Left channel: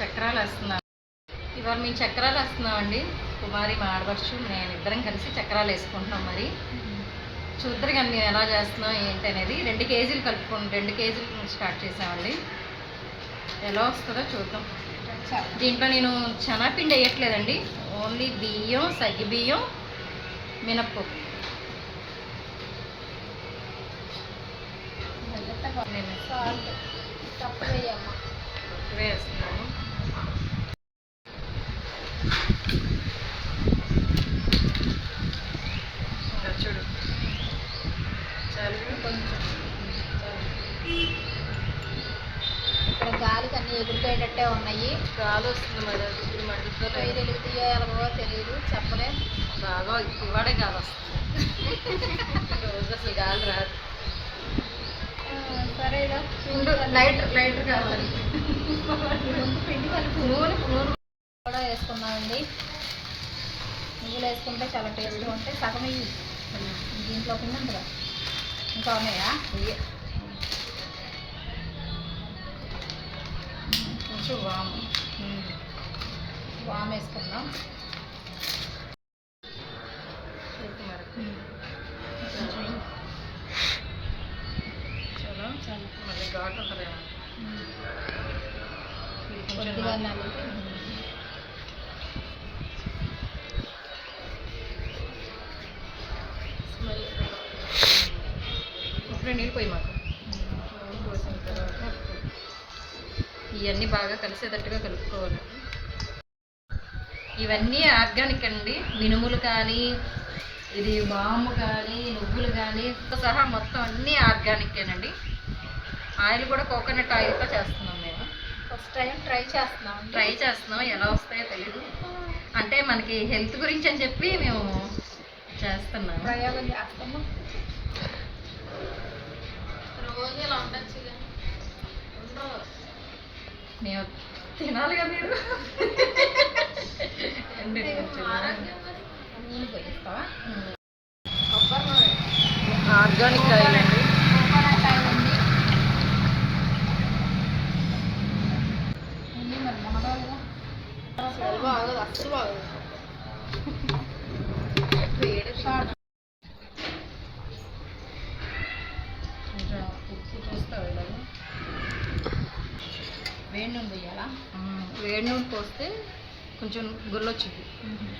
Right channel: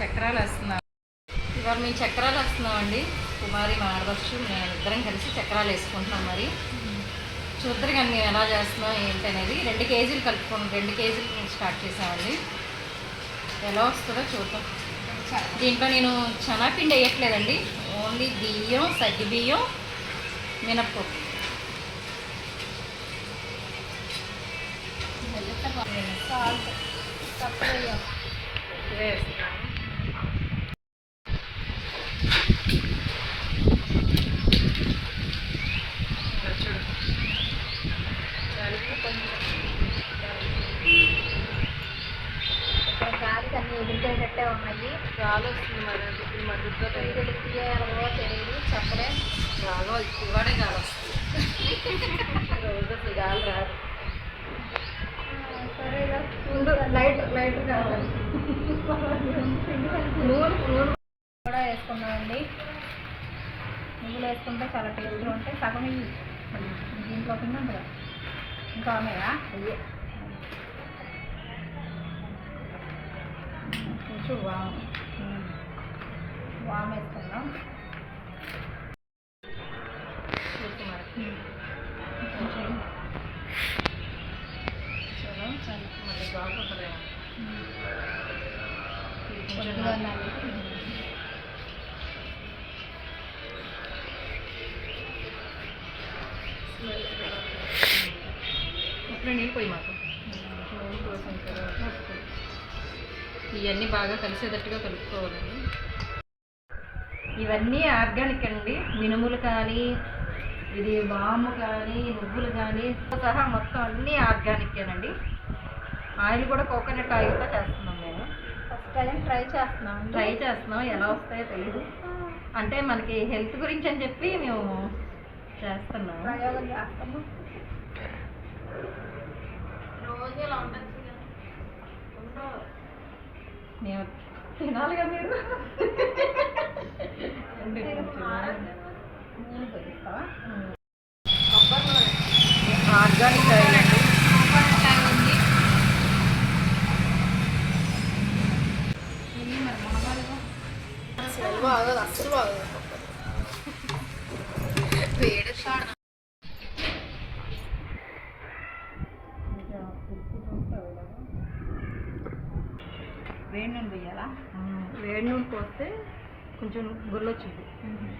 చక్రాలు వేస్తున్నాం. ఇవాళ మేము చక్రాలు వేస్తున్నామండి. కుమారి మా ఆడపడుచు మేము ఇద్దరం కలిసి చక్రాలు వేసుకుంటున్నాం. మరి చూద్దరు కానీ మేము ఎలా చేస్తున్నాం ఏంటి అనేది. 2 కేజీలు కలుపుకున్నాం. 2 కేజీలు స్టార్ట్ చేసామండి. ఎలా వస్తుందో చూద్దాం. దీంట్లో నేను శనగపిండి వేయట్లేదండి. ఓన్లీ బియ్యం, సగ్గి బియ్యం, మినప్పప్పు. ఇవే వేస్తున్నాను. చూడు గాలికి అన్నీ ఎగిరిపోయేటట్టే ఉన్నాయి. గాలి వస్తుంది. మరి ఇప్పుడు మధ్యలో వైర్లు తీయాలో తెలియదు, చెప్పలే. బాగా ఇవాడే గాలి వస్తుంది. రోజు అసలు గాలి రాదు. సరేగా లైటర్ కావాలి. నూనె కూడా వేసుకున్నామండి. నువ్వులు వేసుకుంటే చాలా టేస్ట్గా ఉంటాయి. సగం ఇవి దీంట్లో కింద ఇంకా ఉన్నాయా? అయ్యే కొంచెం వామ్ వేసుకుందాం. మళ్ళీ ఘాటు ఉంటుందేమో. ఇప్పుడు నీళ్ళు పోయి మాకు నూనె పోసిన తర్వాత ఇవన్నీ బాగా కలిసేటట్టుగా కలుపుకోవాలండి. ఇవన్నీ ఆర్గానిక్ అండి. మినుములు కానీ, ఇది వాము కానీ, నువ్వులు కానీ సహా మొత్తం అన్నీ ఆర్గానికేనండి. ఆయిల్ కూడా కోకోనట్ ఆయిల్తో చేస్తున్నాం. మేము ఫస్ట్ టైం ట్రై చేస్తున్నాం. ఎలా వస్తాయో తెలీదు. అంటే మనకి హెల్త్ గురించి అని చెప్పి మేము చేస్తున్నాము. ప్రయోగం చేస్తాము. రోజు ఇలా ఉండొచ్చు. మేము తినాలిగా మీరు. ఆర్గానిక్ ఆయిల్ అండి. అస్సలు బాగా ఉప్పు చూస్తావు ఇలాగా. వేడి నూనె పోయాలా? వేడి నూనె పోస్తే కొంచెం గుల్లొచ్చుద్ది.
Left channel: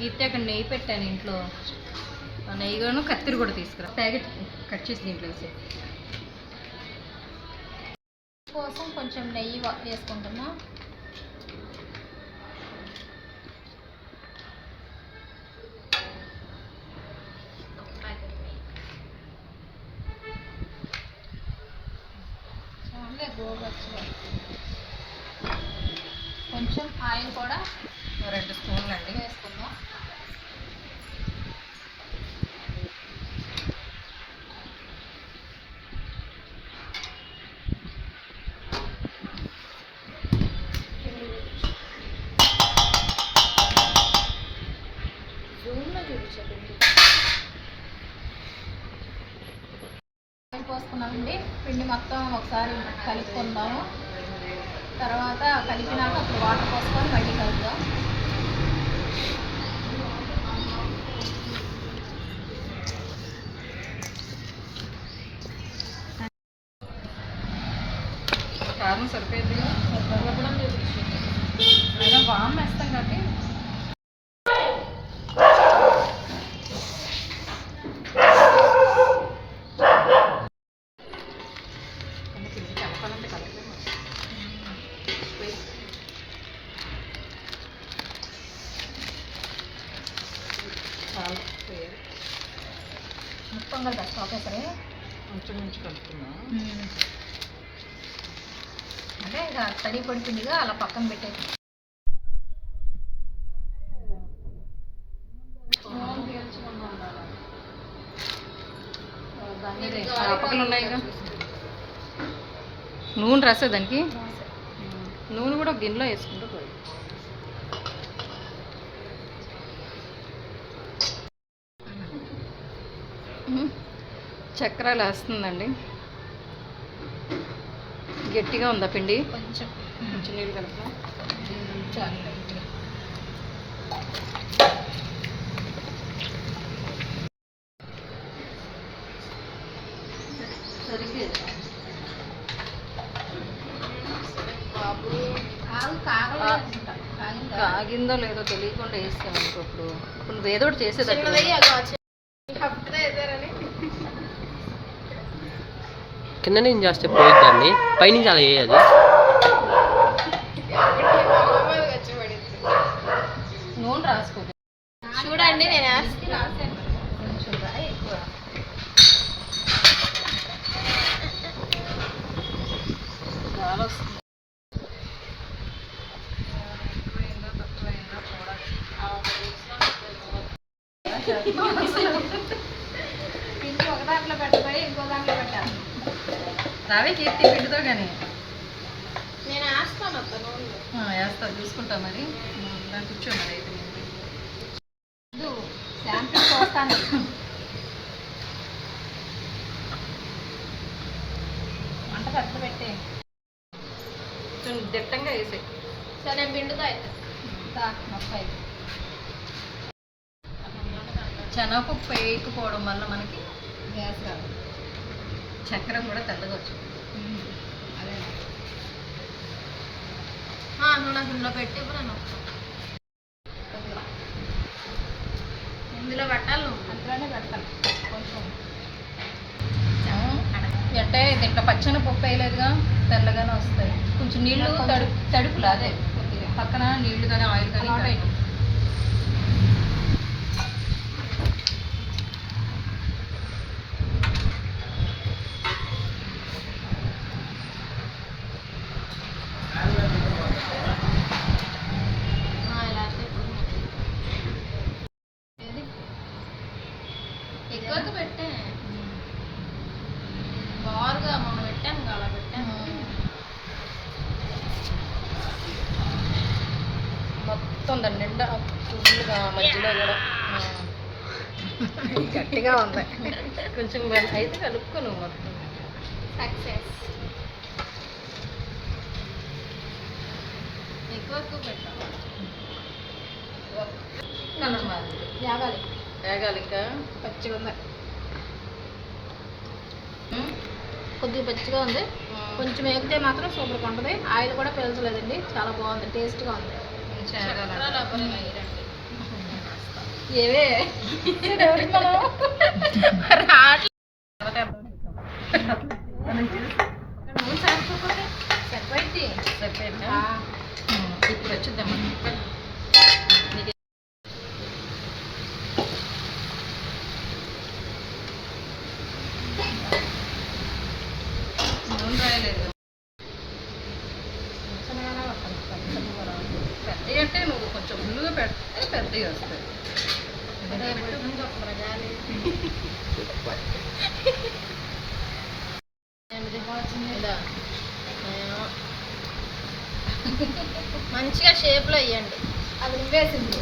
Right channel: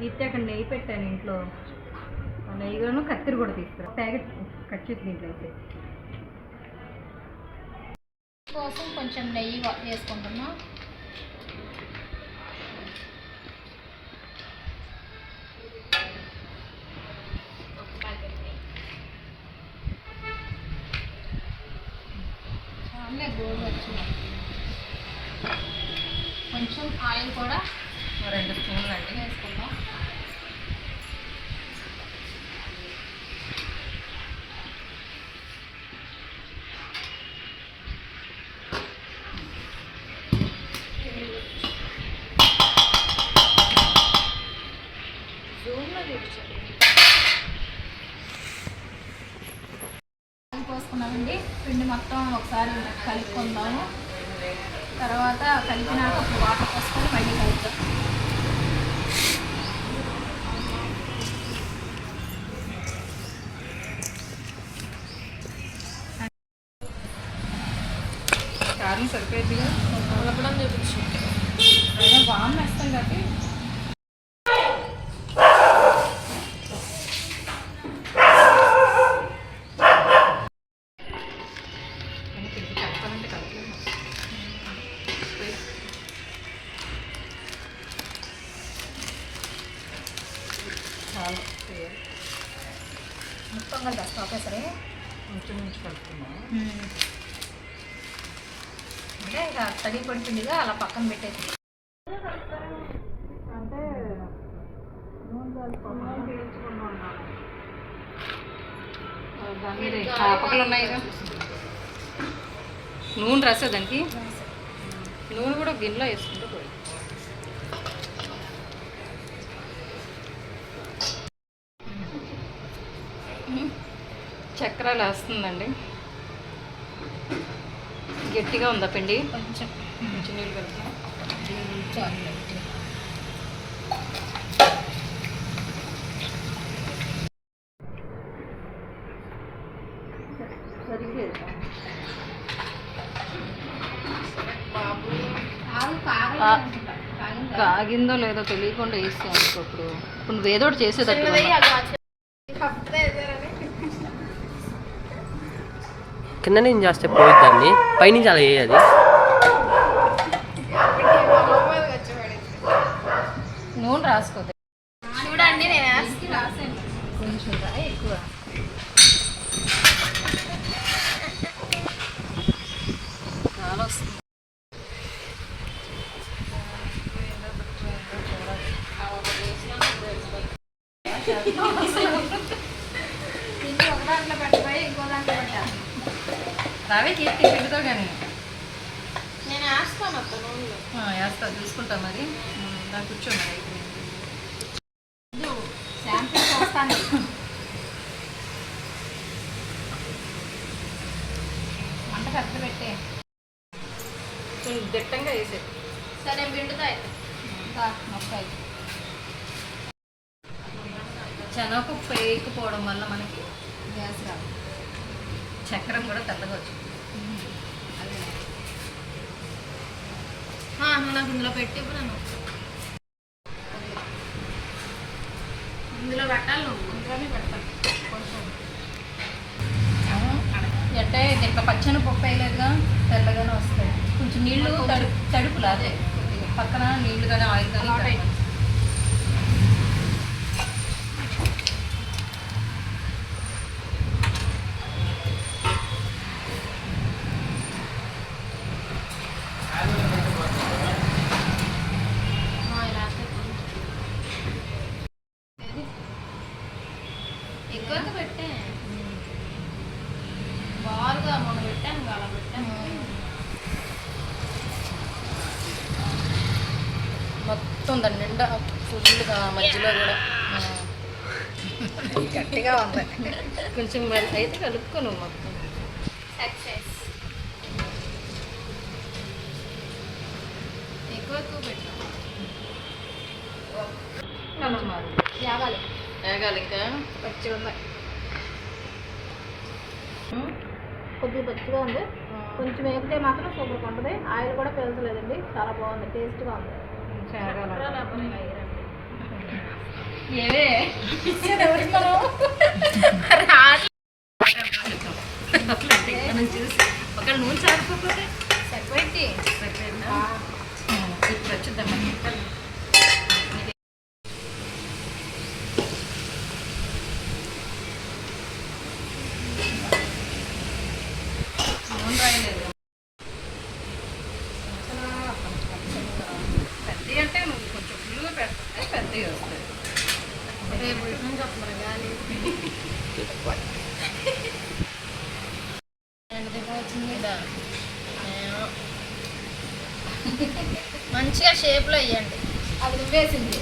అయితే అక్కడ నెయ్యి పెట్టాను ఇంట్లో. ఆ నెయ్యిగాను కత్తిరి కూడా తీసుకురా. ప్యాకెట్ కట్ చేసి దీంట్లో వేసే కోసం కొంచెం నెయ్యి వేసుకుంటున్నా. చాలే గోడు వచ్చి కొంచెం ఆయిల్ కూడా 2 స్పూన్లు అండి వేసుకుందాం. పోసుకున్నానండి. పిండి మొత్తం ఒకసారి కలుపుకుందాము. తర్వాత కలిపినాక అప్పుడు వాటర్ పోసుకొని మళ్ళీ కలుపుతాం. కారం సరిపోయిద్దిగా. కలపడం చూపించి ఏదో వామ్ వేస్తాం కాబట్టి మొత్తం కలిపి ఒకేసారి ఇంచుమించు కలుపుకున్నాము. అంటే ఇక తడి పడుతుందిగా అలా పక్కన పెట్టేసి. అంటే నూనె పీల్చుకుందాం. నూనె రాసే దానికి నూనె కూడా గిన్నెలో వేసుకుంటే పోయి. చక్రాలు వేస్తుందండి. గట్టిగా ఉందా పిండి? కొంచెం నీళ్ళు కలుపుతాం. చాలు లైట్గా. ఆలు కాగలేదు అనుకుంటా. కాగిందా? కాగిందో లేదో తెలియకుండా వేస్తాను ఇప్పుడు. ఇప్పుడు నువ్వు ఏదో ఒకటి చేసేటట్టు చిన్నది అది అప్పుడే వేసారని. కింద నుంచి చేస్తే పోయిద్ది దాన్ని, పైనుంచి అలా వేయాలి. నూనె రాసుకోదు. చూడండి నేను రాసాను కొంచెం ఎక్కువ. చాలా వస్తుంది. ఎక్కువైందా తక్కువైందా చూడాలి. ఇంకో ఒక దాంట్లో పెట్టబోయి ఇంకో దాంట్లో పెట్టాను. రావే కీర్తి పిండితో కానీ నేను వేస్తాను అత్త నూనెలో. వేస్తా చూసుకుంటా మరి. దాన్ని కూర్చో మరి అయితే నేను శాంపిల్ చూస్తాను. వంట పెద్ద పెట్టే. కొంచెం దిట్టంగా వేసే. సరే నేను పిండుతా అయితే మొక్క శనగపప్పు వేయకపోవడం వల్ల మనకి గ్యాస్ రాదు. చక్కెర కూడా తెల్లగా వచ్చింది. అదే నాకు ఇందులో పెట్టి ఇప్పుడు నేను ఇందులో పెట్టాలి. నువ్వు అందులోనే పెడతాను కొంచెం. అంటే దీంట్లో పచ్చని పప్పు వేయలేదుగా, తెల్లగానే వస్తాయి. కొంచెం నీళ్ళు తడుపులు అదే పక్కన నీళ్లు కానీ ఆయిల్ కానీ ఎక్కువ పెట్టే బారుగా మొన్న పెట్టాను అలా పెట్టాను. మొత్తం దాని నిండా ఫుల్గా మధ్యలో కూడా గట్టిగా ఉంది. కొంచెం అయితే కలుపుకోను మొత్తం. సక్సెస్. ఎక్కువ పెట్టాను. కొంచెం యాగాలి వేగాలి ఇంకా. పచ్చిగా ఉంది. కొద్దిగా పచ్చిగా ఉంది. కొంచెం వేగితే మాత్రం సూపర్గా ఉంటుంది. ఆయిల్ కూడా పీల్చలేదండి, చాలా బాగుంది, టేస్ట్గా ఉంది. ఏవే మనం చూసి ఒక నూనె సరిపోతే సరిపోయింది. సరిపోయిందా? ఇప్పుడు వచ్చిద్దామా నూనె రాయలేదు. పెద్దవి అంటే నువ్వు కొంచెం ఫుల్గా పెడితే పెద్దవి వస్తాయి. మంచిగా షేప్లో వేయండి. అవి వేసింది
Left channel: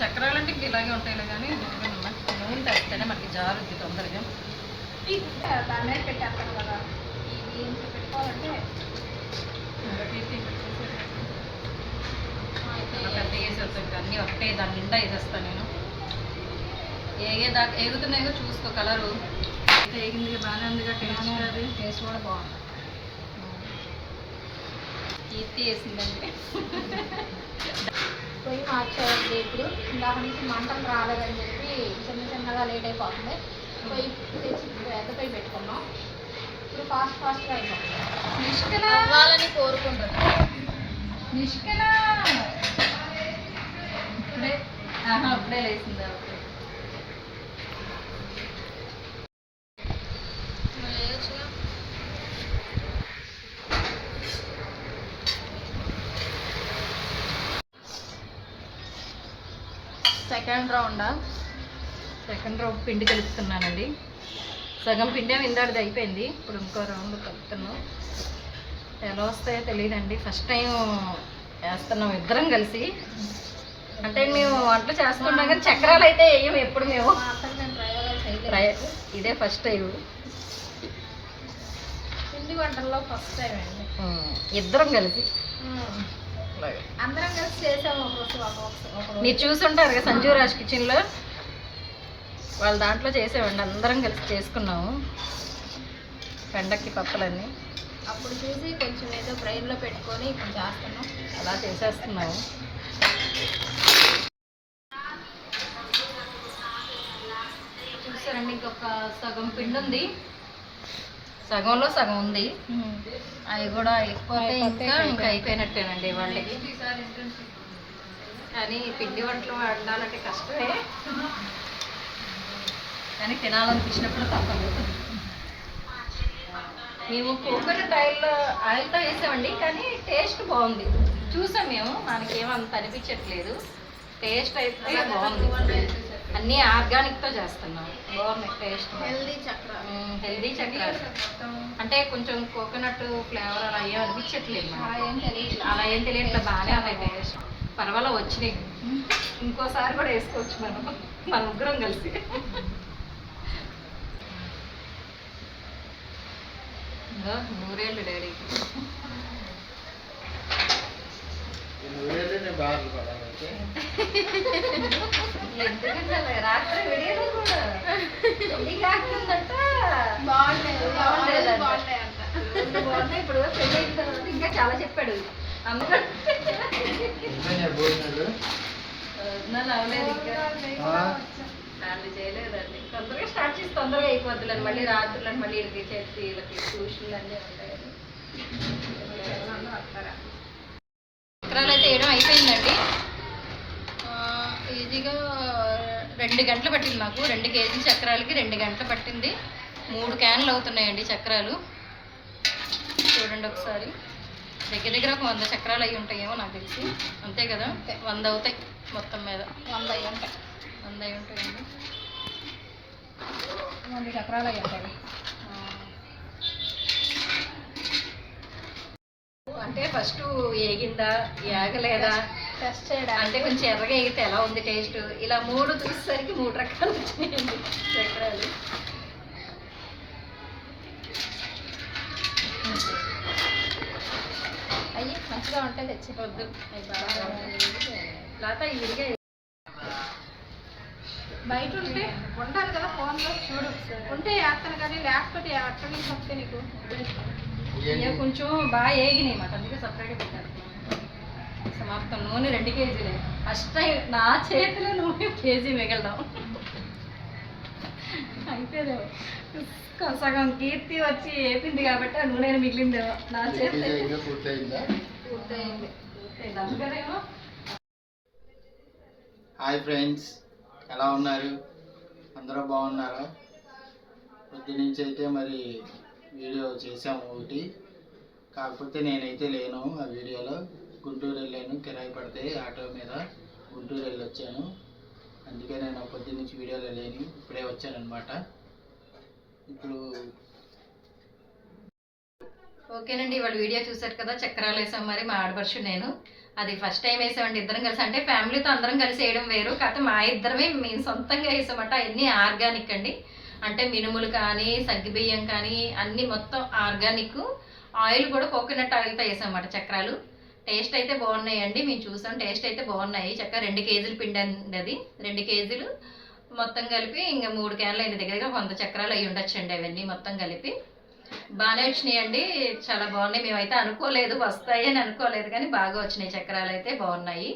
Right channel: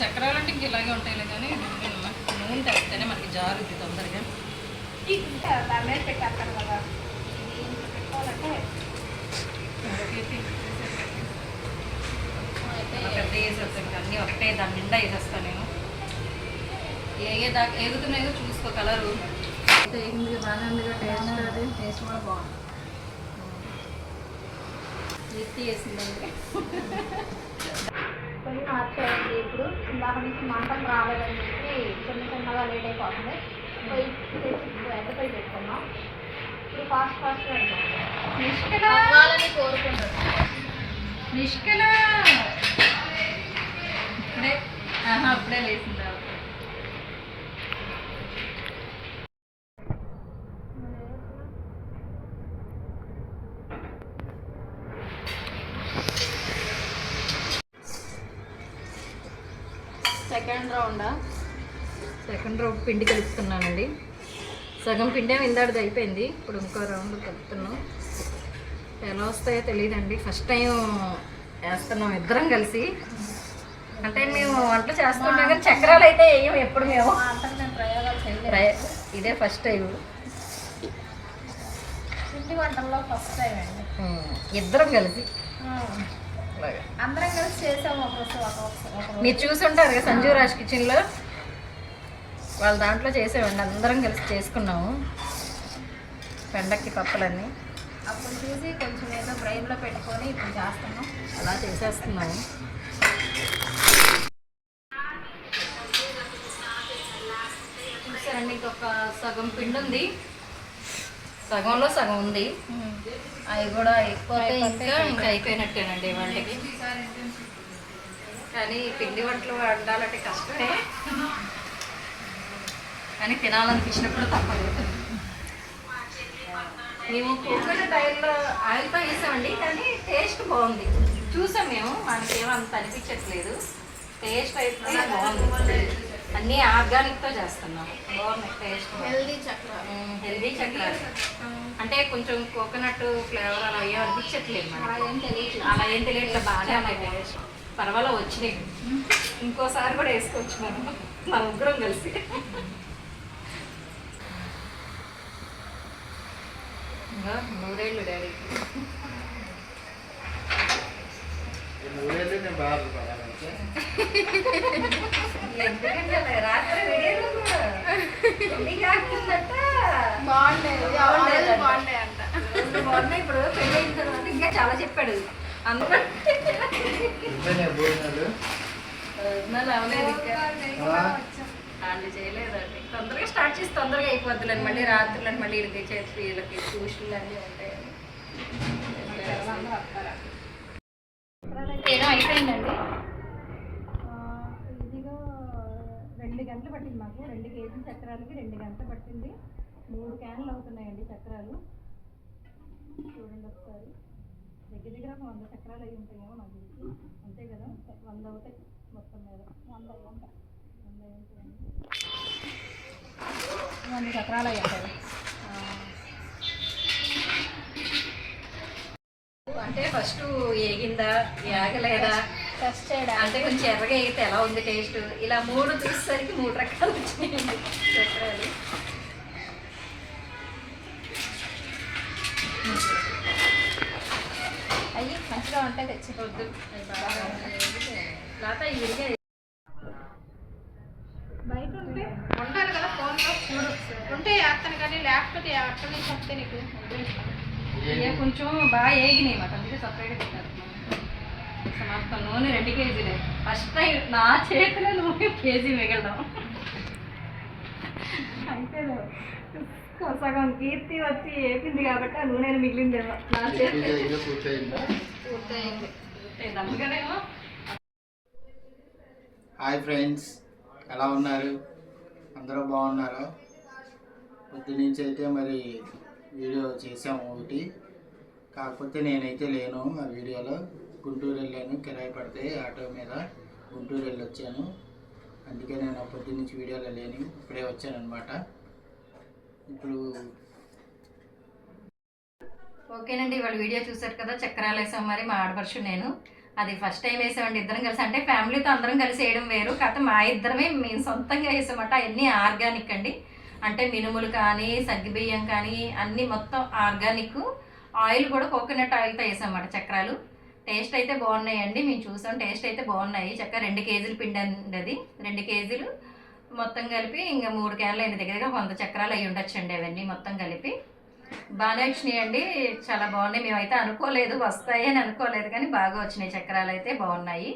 చక్రాలు అంటే ఇంక ఇలాగే ఉంటాయి కానీ నూనె తగ్గితేనే మనకి జారుద్ది తొందరగా. దాని మీద పెట్టేస్తాను కదా, ఇది ఇంత పెట్టుకోవాలంటే అలా పెద్ద వేసేస్తాను ఇంకా అన్నీ ఒకటే దాని నిండా వేసేస్తాను నేను. ఏగేదాకా ఎగుతున్నాయో చూసుకో. కలరు వేగింది బాగానే ఉందిగా. టేస్ట్ అది టేస్ట్ కూడా బాగుంది. కీర్తి వేసిందండి. పొయ్యి మార్చేయండి. ఇప్పుడు ఇందాక నుంచి మంటలు రాలేదని చెప్పి చిన్నగా లేట్ అయిపోతుంది. పొయ్యి తెచ్చి పెద్ద పొయ్యి పెట్టుకున్నాం. ఇప్పుడు ఫాస్ట్గా అవ్వాలని కోరుకుంటున్నాం. నిష్కల ఇప్పుడే అప్పుడే లేచిందా? సెకండ్ రౌండ్ పిండి కలుపుతున్నానండి. సగం పిండి ఇందాడిది అయిపోయింది. ఇప్పుడు ఇంకో రౌండ్ కలుపుతున్నాం. ఎలా వస్తాయో తెలియదండి. ఫస్ట్ టైం వేస్తున్నాం ఇద్దరం కలిసి. అంటే మేము వంటలు చేస్తుంటాం కానీ చక్రాలు అయితే వేయం ఎప్పుడు మేము. ఇదే ఫస్ట్ టైం. పిండి వంటల్లో ఫస్ట్ టైం అండి. ఇద్దరం కలిసి అందరం కలిసి చేసాము ఒక మీరు చూసుంటారు కదా సంజీవ్ రాజ్ కిచెన్లో, వాళ్ళ దాంట్లో చేసేవండి. అందరం కలిసి చేసుకున్నాము పండక్కి పప్పులన్నీ. అప్పుడు చూసి కొంచెం ఏదో బ్రెయిన్లో పెట్టుకొని ఇప్పుడు చేస్తున్నాం. అలా చేసేస్తున్నాము. చూసారండి, ఇంకొక సగం పిండి ఉంది, సగంలో సగం ఉంది. అవి కూడా అయిపోతే ఇంకా అయిపోయినట్టేనండి వంటకి. కానీ పిండి వంటలు వండాలంటే కష్టమే, కానీ తినాలనిపించినప్పుడు తప్పదు. మేము కోకోనట్ ఆయిల్తో వేసామండి, కానీ టేస్ట్ బాగుంది. చూసాం మేము, మనకేమో అంత అనిపించట్లేదు. టేస్ట్ అయితే బాగుంది. అన్నీ ఆర్గానిక్తో చేస్తున్నాం, బాగున్నాయి టేస్ట్. హెల్దీ చక్రాలు అంటే కొంచెం కోకోనట్ ఫ్లేవర్ అలా ఏం అనిపించట్లేదు. అలా ఏం తెలియట్లేదు, బాగానే ఉన్నాయి టేస్ట్. పర్వాలేదు, వచ్చినాయి. ఇంకోసారి కూడా వేసుకోవచ్చు మన ముగ్గురం కలిసి. ఇంకా 3 ఏళ్ళు డాడీకి. ఎందుకంటే రాత్రి వీడియోలు కూడా పెళ్లి కాకుందంట. బాగున్నాయి ఇప్పుడు పెళ్లి అయిన తర్వాత ఇంకా చాలా చెప్పాడు. అందుకని అవ్వలేదు ఇంకా, వాళ్ళు చేయలేదండి. తొందరగా స్టార్ట్ చేసి తొందరగా అయిపోద్దులేండి. మళ్ళీ రాత్రులు మళ్ళీ వీళ్ళకి చేతి వీళ్ళకి ట్యూషన్లు అన్నీ ఉంటాయండి. చక్రాలు అయితే ఏదో అయిపోయిందండి. ఈజీగా 2 గంటలు పట్టింది నాకు. 2 కేజీల చక్రాలకి 2 గంటలు పట్టింది. 3 క్యాన్లు అవుతున్నాయండి చక్రాలు. చూడండి ఒకసారి, దగ్గర దగ్గర ఒక 100 చక్రాలు అయి ఉంటాయేమో నాకు తెలిసి. అంతే కదా, 100 అవుతాయి మొత్తం మీద. 100 అయి ఉంటాయండి. 100 చక్రాలు అయి ఉంటాయి. అంటే ఫస్ట్ ఏగిందా ఏగలేదా టెస్ట్ చేయడం, అంటే కొంచెం ఎర్రగా అయితే ఎలా ఉంది టేస్ట్, ఇలా 3 చూసేసరికి 3 రకాలు వచ్చినాయండి చక్రాలు. అయ్యి మంచిగా ఉంటాయి, తెచ్చిపోద్దు. లేకపోతే ఇదిగా బయట ఉంటే ఉండాలి కదా, ఫోన్లో చూడు. ఉంటే వేస్తాను కానీ లేకపోతే అక్కడి నుంచి వస్తే నీకు కొంచెం బాగా ఏగినాయి మాట, అందుకే సపరేట్గా పెట్టారు. అసలు మొత్తం నూనె 2 కేజీలే. ఫస్ట్ టైం నా చేతిలో నూనె కేజీ మిగలడం. అయితే సగం కీర్తి వచ్చి వేపింది కాబట్టి ఆ నూనె మిగిలింది నా చేతి. పూర్తయింది. అందుకనేమో. హాయ్ ఫ్రెండ్స్, ఎలా ఉన్నారు? అందరూ బాగున్నారా? పొద్దునుంచి అయితే మరి వీడియో చేసాము ఒకటి, కాకపోతే నేనైతే లేను ఆ వీడియోలో. గుంటూరు వెళ్ళాను, కిరాయి పడితే ఆటో మీద గుంటూరు వెళ్ళి వచ్చాను. అందుకే నేను పొద్దున్నుంచి వీడియోలో లేను, ఇప్పుడే వచ్చానమాట. ఇప్పుడు ఓకేనండి, ఇవాళ వీడియో చూసారు కదా, చక్రాలు వేసాం. మరి మా ఆడపడుచు నేను అది ఫస్ట్ టైం వేసామండి ఇద్దరం కలిసి. అంటే ఫ్యామిలీతో అందరం కలిసి వేయడం వేరు, కాకపోతే మా ఇద్దరమే మేము సొంతంగా వేసామంట. అన్నీ ఆర్గానిక్ అండి. అంటే మినుములు కానీ సగ్గుబియ్యం కానీ అన్నీ మొత్తం ఆర్గానిక్. ఆయిల్ కూడా కోకోనట్ ఆయిల్తో వేసామన్నమాట చక్రాలు. టేస్ట్ అయితే బాగున్నాయండి, మేము చూసాం, టేస్ట్ అయితే బాగున్నాయి. చక్కగా 2 కేజీలు పిండి అండి అది. 2 కేజీలు మొత్తం కలిపి ఇంకా 3 క్యాన్లు అయిన దగ్గరగా 100 చక్రాలు అయి ఉండొచ్చండి. అవన్నీ మొత్తం కలిపి బాగానే వచ్చినాయండి, చాలా బాగున్నాయి. మేమైతే అనుకోలేదు వస్తాయి అని అనుకోలేదు, కానీ బాగా వచ్చినాయి చక్రాలు అయితే బాగున్నాయి.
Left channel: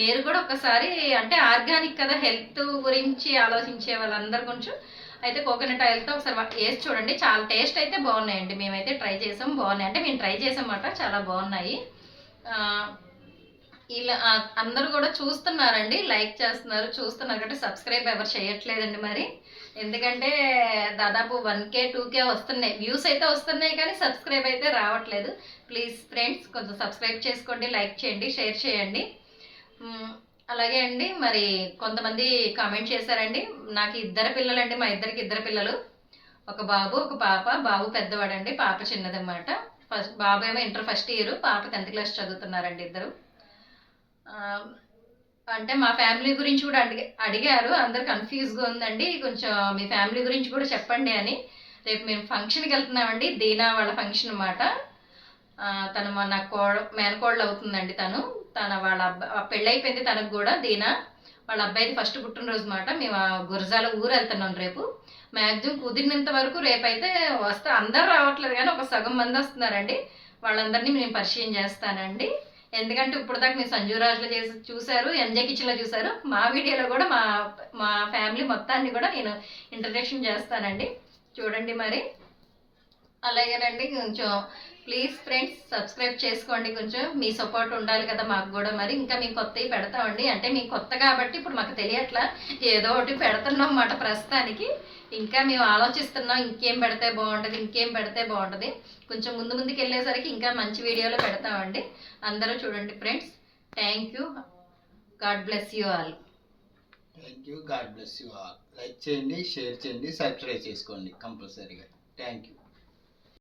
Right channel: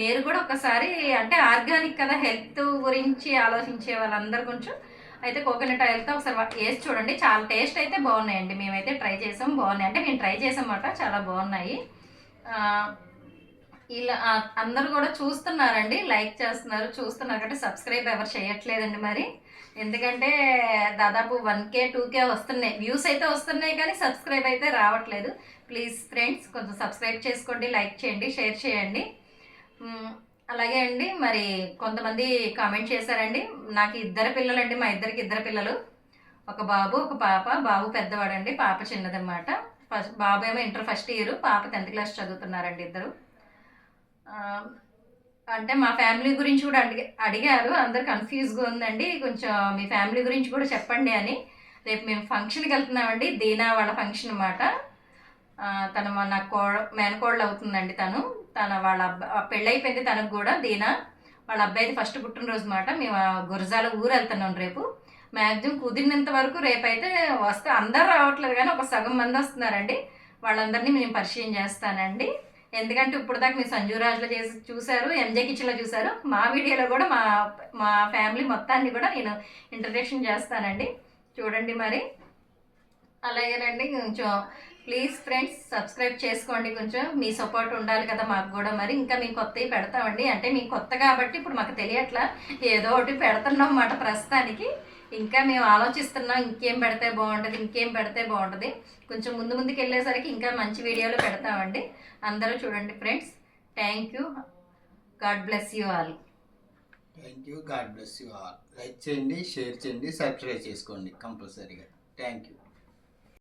మీరు కూడా ఒకసారి, అంటే ఆర్గానిక్ కదా, హెల్త్ గురించి ఆలోచించే వాళ్ళందరూ కొంచెం అయితే కోకోనట్ ఆయిల్తో ఒకసారి వేసి చూడండి. చాలా టేస్ట్ అయితే బాగున్నాయండి. మేమైతే ట్రై చేసాం, బాగున్నాయి. అంటే మేము ట్రై చేసామన్నమాట, చాలా బాగున్నాయి. ఇలా అందరూ కూడా చూస్తున్నారండి, లైక్ చేస్తున్నారు, చూస్తున్నారు అంటే సబ్స్క్రైబ్ ఎవరు చేయట్లేదండి. మరి ఎందుకంటే దాదాపు 1K 2K వస్తున్నాయి, వ్యూస్ అయితే వస్తున్నాయి, కానీ సబ్స్క్రైబ్ అయితే రావట్లేదు. ప్లీజ్ ఫ్రెండ్స్, కొంచెం సబ్స్క్రైబ్ చేసుకోండి, లైక్ చేయండి, షేర్ చేయండి. అలాగే అండి, మరి కొంతమంది కామెంట్ చేశారండి. నాకు 2 పిల్లలండి, మా ఇద్దరికి 2 పిల్లలు, ఒక బాబు ఒక పాప. బాబు పెద్దవాడండి, పాప చిన్నదన్నమాట. బాబు ఏమో ఇంటర్ ఫస్ట్ ఇయర్, పాప 10th క్లాస్ చదువుతున్నారండి ఇద్దరు. అంటే మా ఫ్యామిలీ గురించి కూడా అడిగారు, అందరు కన్ఫ్యూజ్గా ఉందండి, కొంచెం మీ ఫ్యామిలీ గురించి కూడా చెప్పండి అని. రేపు మేము ఫంక్షన్కి వెళ్తున్నామండి. దీనా వాళ్ళ ఫంక్షన్ అన్నమాట. తను నా మేనకోడలు అవుతుందండి. తన వాళ్ళ పెళ్ళైపోయింది తనకు కూడా. దీనా వాళ్ళ అబ్బాయిది ఫస్ట్ పుట్టినరోజు అన్నమాట. మేము గురజాల ఊరు వెళ్తున్నాం రేపు. మ్యాక్సిమం కుదిరినంత వరకు రేపైతే వస్తే అందరు రావట్లేదు కానీ ఒక సగం మంది వస్తున్నారండి. వాళ్ళందరినీ నేను పరిచయం చేస్తానండి. ఎందుకంటే ఇప్పుడు దాకా మీరు సంజూరాజ్లో చూశారు, ఎంజే కిచెన్లో చూశారు. మా వీడియోలో కూడా మా ఫ్యామిలీ మొత్తాన్ని కూడా నేను ఇంట్రడక్షన్ చేస్తానండి. చూడండి మరి. అలాగేనండి కొంచెం ప్లీజ్ ఫ్రెండ్స్ సబ్స్క్రైబ్ చేసుకోండి. కొంచెం మీ సపోర్ట్ ఉండాలి కదా మాకు కూడా. మరి ఇంకా మేము కొత్తవి పెడతామండి. అంటే మీకు కొత్త కాబట్టి ఇప్పుడు మాకు తెలియట్లా, ఏదో ఒకటి పెడుతున్నాం అన్నమాట ప్రస్తుతానికి. ఇంకా మేము ఆలోచిస్తున్నాం ఇంకేం పెడితే బాగుంటుంది. కొంచెం ముందుకు వెళ్ళేసరికి ఇంకా మంచి వీడియోలు పెడతామండి. అందరూ చూడండి friends. Thank you. God bless you all. Thank you. God bless you all. Like చేయండి, షేర్ చేయండి, సబ్స్క్రైబ్ చేసుకోండి కంపల్సరీగా. Thank you.